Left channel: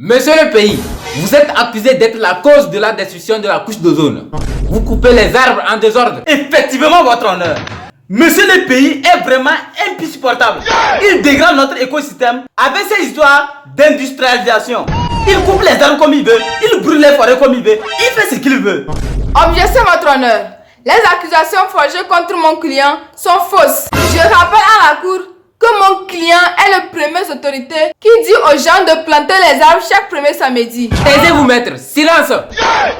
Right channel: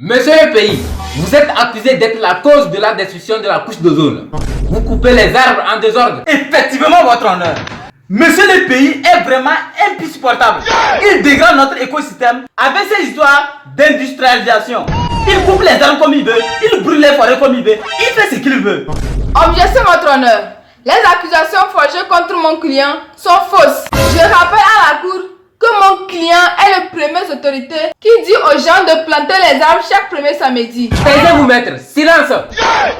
Monsieur le pays, vous êtes accusé d'être la cause de la destruction de la couche d'ozone. Vous coupez les arbres en désordre. Effectivement, votre honneur. Monsieur le pays est vraiment insupportable. Il dégrade notre écosystème avec ses histoires d'industrialisation. Il coupe les arbres comme il veut, il brûle les forêts comme il veut, il fait ce qu'il veut. Objection, votre honneur. Les accusations forgées contre mon client sont fausses. Je rappelle à la cour que mon client est le premier autorité qui dit aux gens de planter les arbres chaque premier samedi. Taisez-vous, maître. Silence.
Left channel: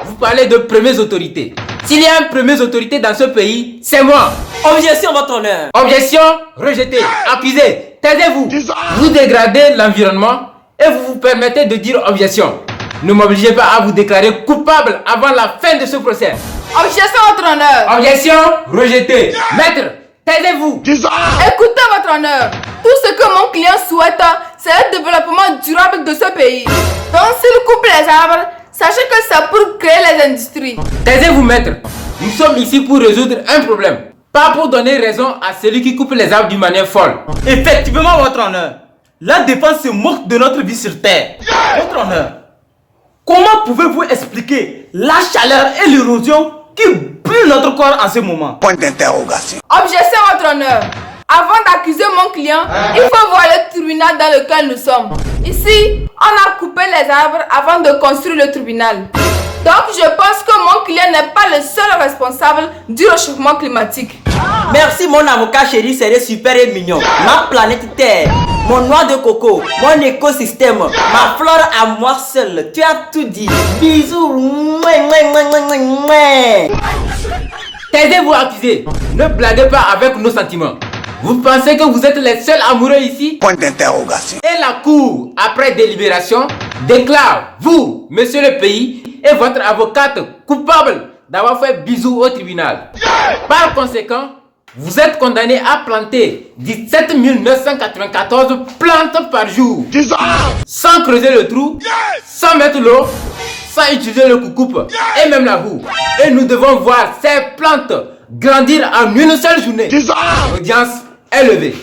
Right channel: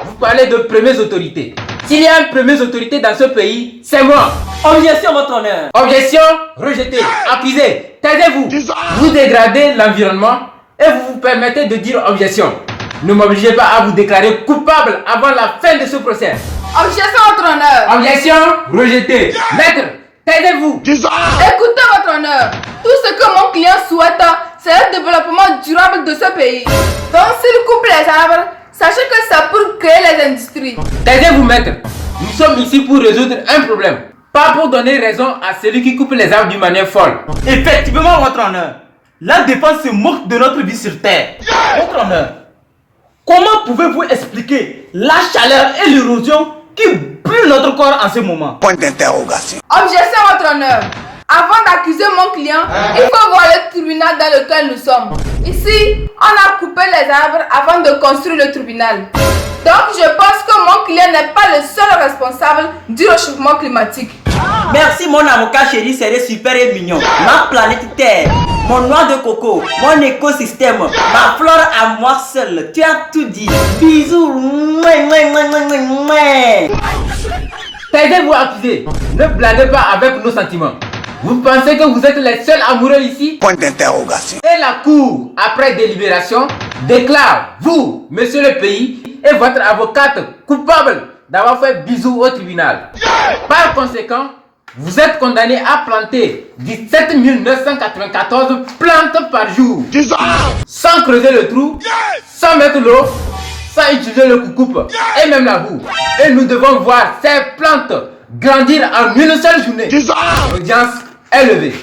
Vous parlez de premières autorités. S'il y a une première autorité dans ce pays, c'est moi. Objection, votre honneur. Objection, rejetée, accusé. Taisez-vous. Vous dégradez l'environnement et vous vous permettez de dire objection. Ne m'obligez pas à vous déclarer coupable avant la fin de ce procès. Objection, votre honneur. Objection, rejetée. Maître, taisez-vous. Écoutez, votre honneur. Tout ce que mon client souhaite, c'est le développement durable de ce pays. Donc, s'il coupe les arbres, sachez que c'est pour créer les industries. Taisez-vous, maître. Nous sommes ici pour résoudre un problème. Pas pour donner raison à celui qui coupe les arbres d'une manière folle. Effectivement, votre honneur. La défense se moque de notre vie sur terre. Votre honneur, comment pouvez-vous expliquer la chaleur et l'érosion qui brûlent notre corps en ce moment? Point d'interrogation. Objection, votre honneur. Avant d'accuser mon client, il faut voir le tribunal dans lequel nous sommes. Ici, on a coupé les arbres avant de construire le tribunal. Donc, je pense que mon client n'est pas le seul responsable du réchauffement climatique. Merci mon avocat chéri, c'est super et mignon. Ma planète Terre, mon noix de coco, mon écosystème, ma flore à moi seule. Tu as tout dit. Bisous. Mouais, mouais, mouais, mouais, mouais. Taisez-vous, accusé. Ne blaguez pas avec nos sentiments. Vous pensez que vous êtes les seuls amoureux ici? Point d'interrogation. Et la cour, après délibération, déclare vous, monsieur le pays, et votre avocate coupable d'avoir fait bisou au tribunal. Par conséquent, vous êtes condamné à planter 17 994 plantes par jour. Sans creuser le trou, sans mettre l'eau, sans utiliser le coucoupe et même la boue. Et nous devons voir ces plantes grandir en une seule journée. Audience est levée.